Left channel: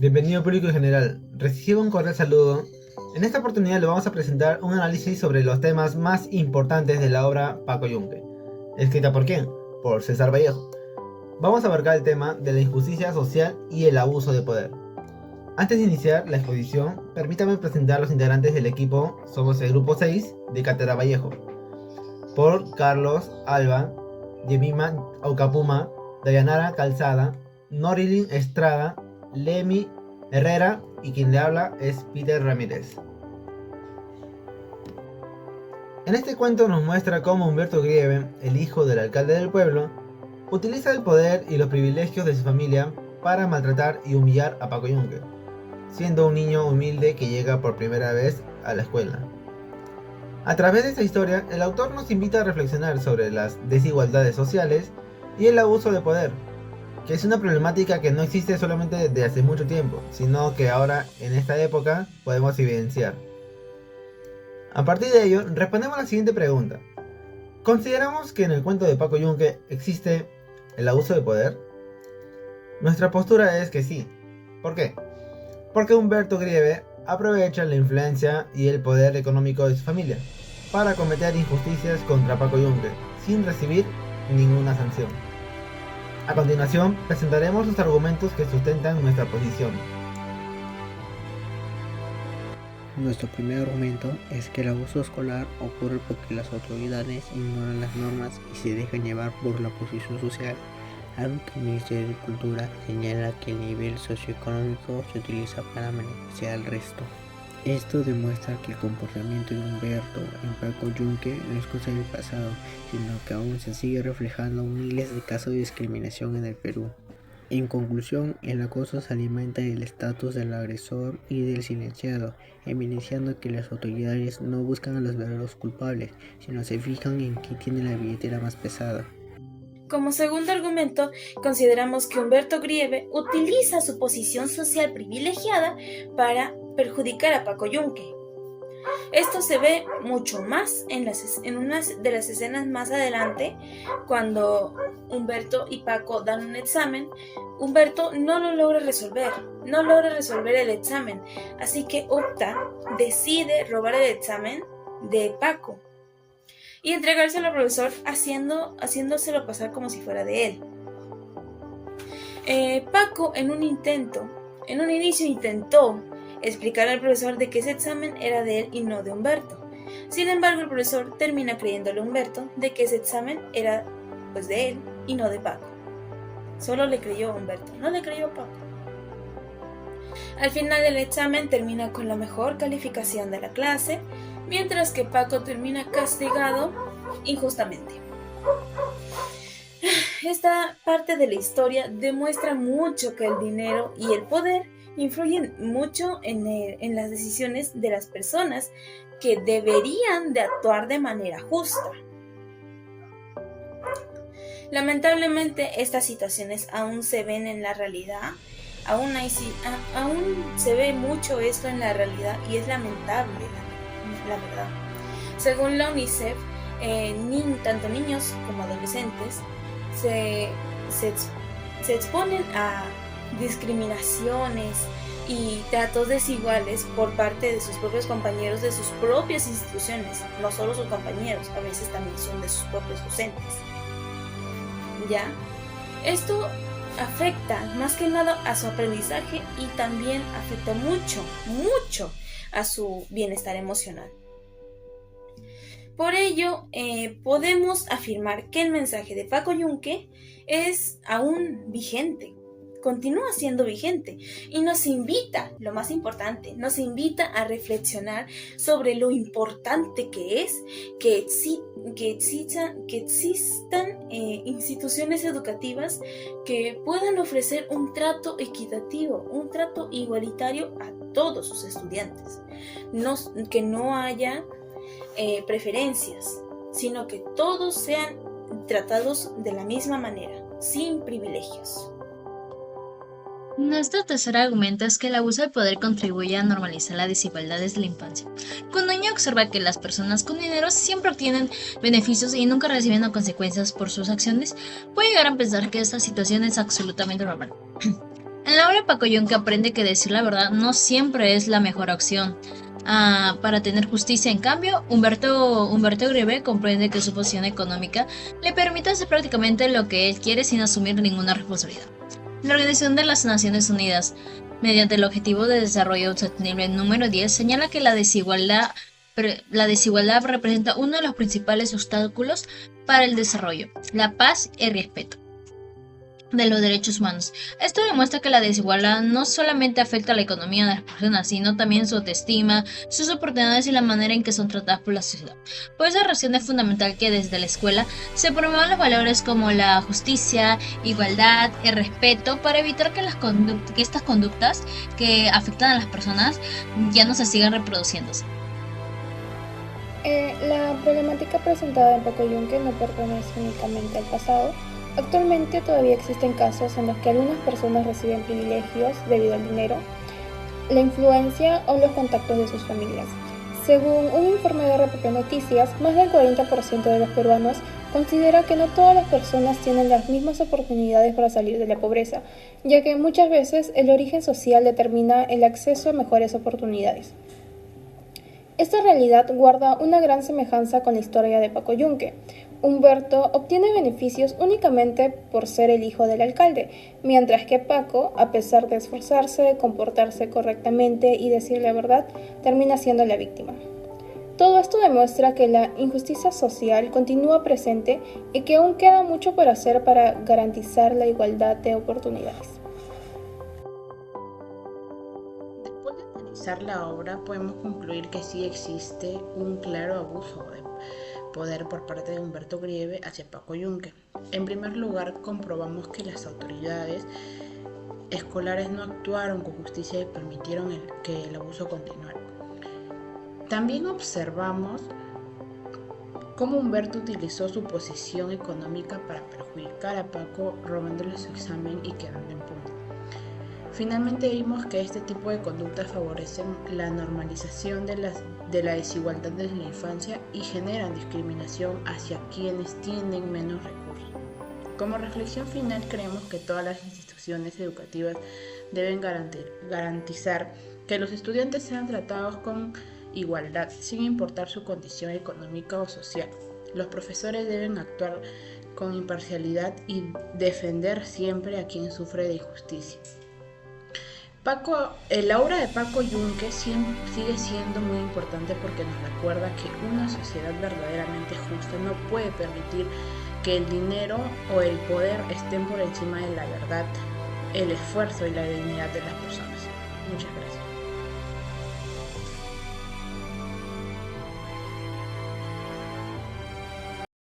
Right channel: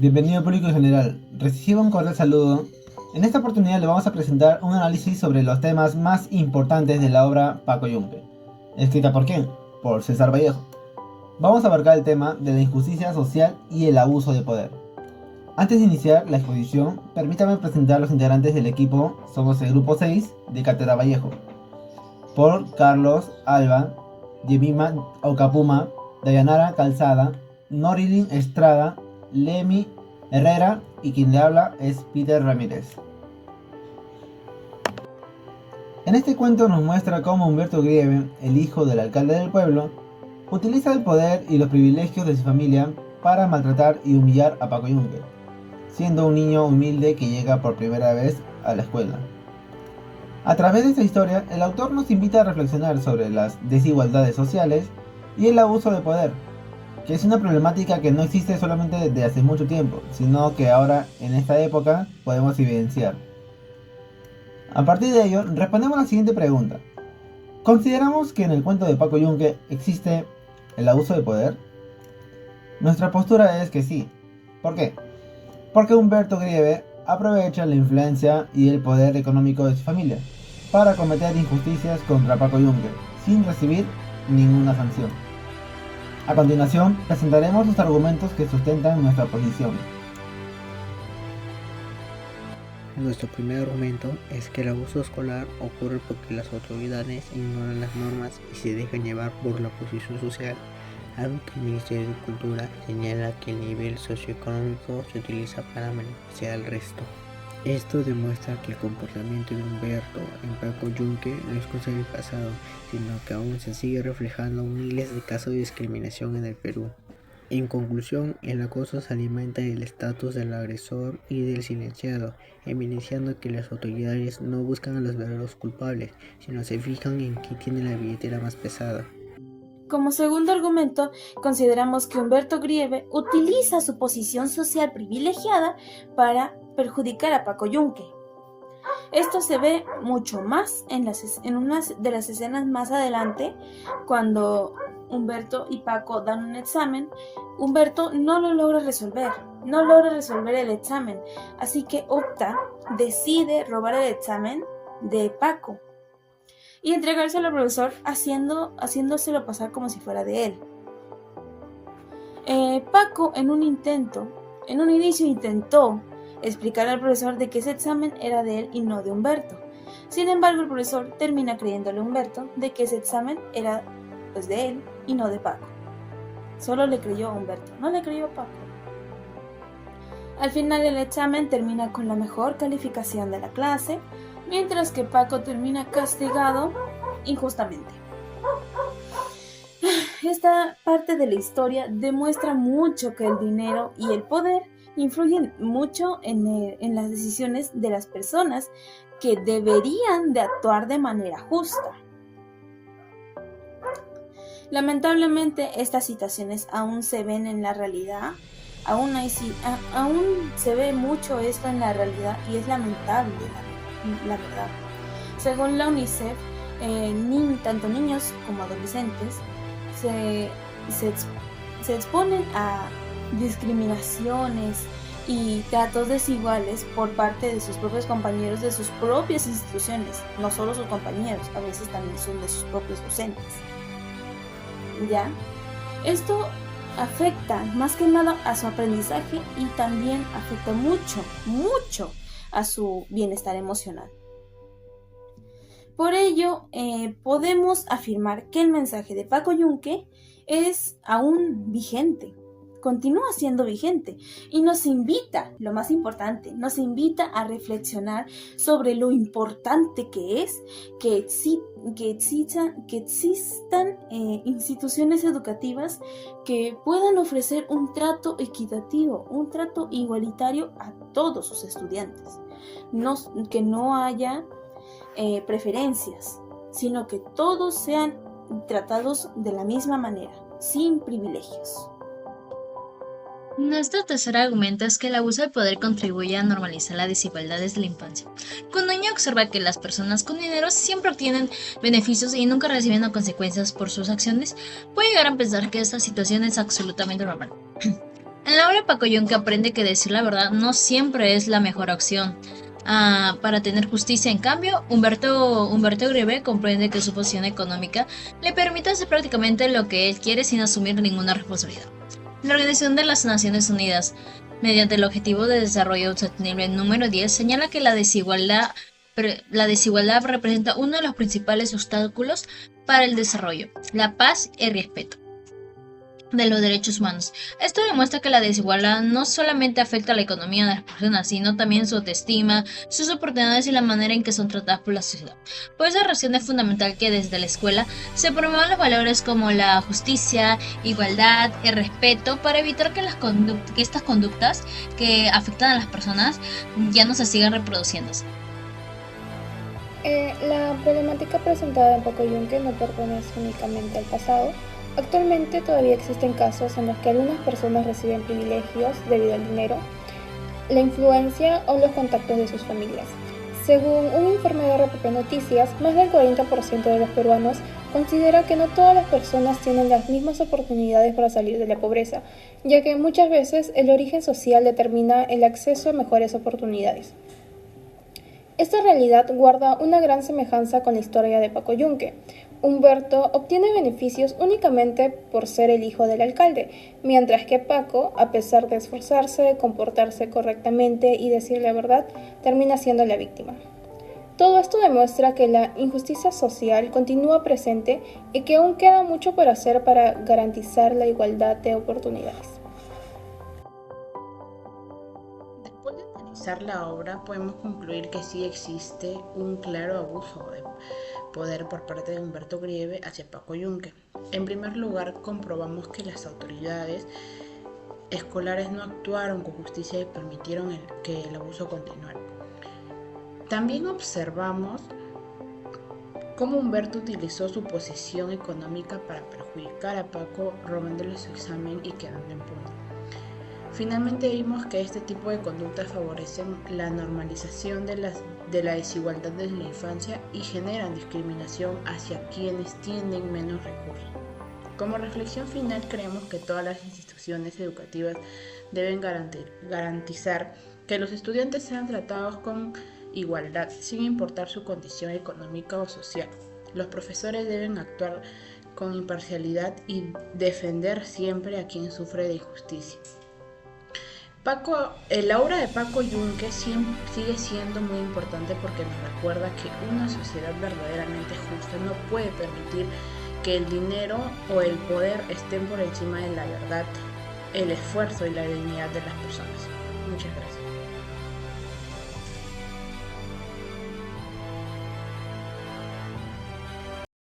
Bienvenido público en general, reciba un cordial saludo. En esta oportunidad le vamos a presentar un análisis sobre los temas más importantes de la obra Paco Yunque. ¿Escrita por quién? Por César Vallejo. Vamos a abarcar el tema de la injusticia social y el abuso de poder. Antes de iniciar la exposición, permítame presentar a los integrantes del equipo. Somos el grupo 6 de Cátedra Vallejo. Por Carlos Alba, Yemima Ocapuma, Dayanara Calzada, Norilyn Estrada, Lemi Herrera y quien le habla es Peter Ramírez. En este cuento nos muestra cómo Humberto Grieve, el hijo del alcalde del pueblo, utiliza el poder y los privilegios de su familia para maltratar y humillar a Paco Yunque, siendo un niño humilde que llega por primera vez a la escuela. A través de esta historia, el autor nos invita a reflexionar sobre las desigualdades sociales y el abuso de poder, que es una problemática que no existe solamente desde hace mucho tiempo, sino que ahora, en esta época, podemos evidenciar. A partir de ello, respondemos la siguiente pregunta. ¿Consideramos que en el cuento de Paco Yunque existe el abuso de poder? Nuestra postura es que sí. ¿Por qué? Porque Humberto Grieve aprovecha la influencia y el poder económico de su familia para cometer injusticias contra Paco Yunque, sin recibir ninguna sanción. A continuación, presentaremos los argumentos que sustentan nuestra posición. Nuestro primer argumento es que el abuso escolar ocurre porque las autoridades ignoran las normas y se dejan llevar por la posición social, algo que el Ministerio de Cultura señala que el nivel socioeconómico se utiliza para beneficiar al resto. Esto demuestra que el comportamiento de Humberto en Paco Yunque no es cosa del pasado, sino que aún se sigue reflejando miles de casos de discriminación en el Perú. En conclusión, el acoso se alimenta del estatus del agresor y del silenciado, evidenciando que las autoridades no buscan a los verdaderos culpables, sino se fijan en quién tiene la billetera más pesada. Como segundo argumento, consideramos que Humberto Grieve utiliza su posición social privilegiada para perjudicar a Paco Yunque. Esto se ve mucho más en una de las escenas más adelante, cuando Humberto y Paco dan un examen. Humberto no logra resolver el examen, así que decide robar el examen de Paco y entregárselo al profesor haciéndoselo pasar como si fuera de él. Paco en un inicio intentó explicar al profesor de que ese examen era de él y no de Humberto. Sin embargo, el profesor termina creyéndole a Humberto de que ese examen era pues de él y no de Paco. Solo le creyó a Humberto, no le creyó a Paco. Al final del examen termina con la mejor calificación de la clase, mientras que Paco termina castigado injustamente. Esta parte de la historia demuestra mucho que el dinero y el poder influyen mucho en las decisiones de las personas que deberían de actuar de manera justa. Lamentablemente, estas situaciones aún se ven en la realidad. Aún se ve mucho esto en la realidad y es lamentable, la verdad. Según la UNICEF, tanto niños como adolescentes se exponen a discriminaciones y tratos desiguales por parte de sus propios compañeros de sus propias instituciones, no solo sus compañeros, a veces también son de sus propios docentes. ¿Ya? Esto afecta más que nada a su aprendizaje y también afecta mucho a su bienestar emocional. Por ello, podemos afirmar que el mensaje de Paco Yunque es aún vigente, continúa siendo vigente y nos invita, lo más importante, nos invita a reflexionar sobre lo importante que es que existan instituciones educativas que puedan ofrecer un trato equitativo, un trato igualitario a todos sus estudiantes, que no haya preferencias, sino que todos sean tratados de la misma manera, sin privilegios. Nuestro tercer argumento es que el abuso de poder contribuye a normalizar la desigualdad desde la infancia. Cuando un niño observa que las personas con dinero siempre obtienen beneficios y nunca reciben consecuencias por sus acciones, puede llegar a pensar que esta situación es absolutamente normal. En la obra Paco Yunque aprende que decir la verdad no siempre es la mejor opción para tener justicia. En cambio, Humberto Greve comprende que su posición económica le permite hacer prácticamente lo que él quiere sin asumir ninguna responsabilidad. La Organización de las Naciones Unidas, mediante el Objetivo de Desarrollo Sostenible número 10, señala que la desigualdad representa uno de los principales obstáculos para el desarrollo, la paz y el respeto de los derechos humanos. Esto demuestra que la desigualdad no solamente afecta a la economía de las personas, sino también su autoestima, sus oportunidades y la manera en que son tratadas por la sociedad. Por esa razón es fundamental que desde la escuela se promuevan los valores como la justicia, igualdad y respeto para evitar que estas conductas que afectan a las personas ya no se sigan reproduciéndose. La problemática presentada en Paco Yunque no pertenece únicamente al pasado. Actualmente todavía existen casos en los que algunas personas reciben privilegios debido al dinero, la influencia o los contactos de sus familias. Según un informe de RPP Noticias, más del 40% de los peruanos considera que no todas las personas tienen las mismas oportunidades para salir de la pobreza, ya que muchas veces el origen social determina el acceso a mejores oportunidades. Esta realidad guarda una gran semejanza con la historia de Paco Yunque. Humberto obtiene beneficios únicamente por ser el hijo del alcalde, mientras que Paco, a pesar de esforzarse, comportarse correctamente y decir la verdad, termina siendo la víctima. Todo esto demuestra que la injusticia social continúa presente y que aún queda mucho por hacer para garantizar la igualdad de oportunidades. Después de analizar la obra, podemos concluir que sí existe un claro abuso de poder por parte de Humberto Greve hacia Paco Yunque. En primer lugar, comprobamos que las autoridades escolares no actuaron con justicia y permitieron que el abuso continuara. También observamos cómo Humberto utilizó su posición económica para perjudicar a Paco, robándole su examen y quedando impune. Finalmente vimos que este tipo de conductas favorecen la normalización de la desigualdad desde la infancia y generan discriminación hacia quienes tienen menos recursos. Como reflexión final, creemos que todas las instituciones educativas deben garantizar que los estudiantes sean tratados con igualdad, sin importar su condición económica o social. Los profesores deben actuar con imparcialidad y defender siempre a quien sufre de injusticia. La obra de Paco Yunque sigue siendo muy importante porque nos recuerda que una sociedad verdaderamente justa no puede permitir que el dinero o el poder estén por encima de la verdad, el esfuerzo y la dignidad de las personas. Muchas gracias.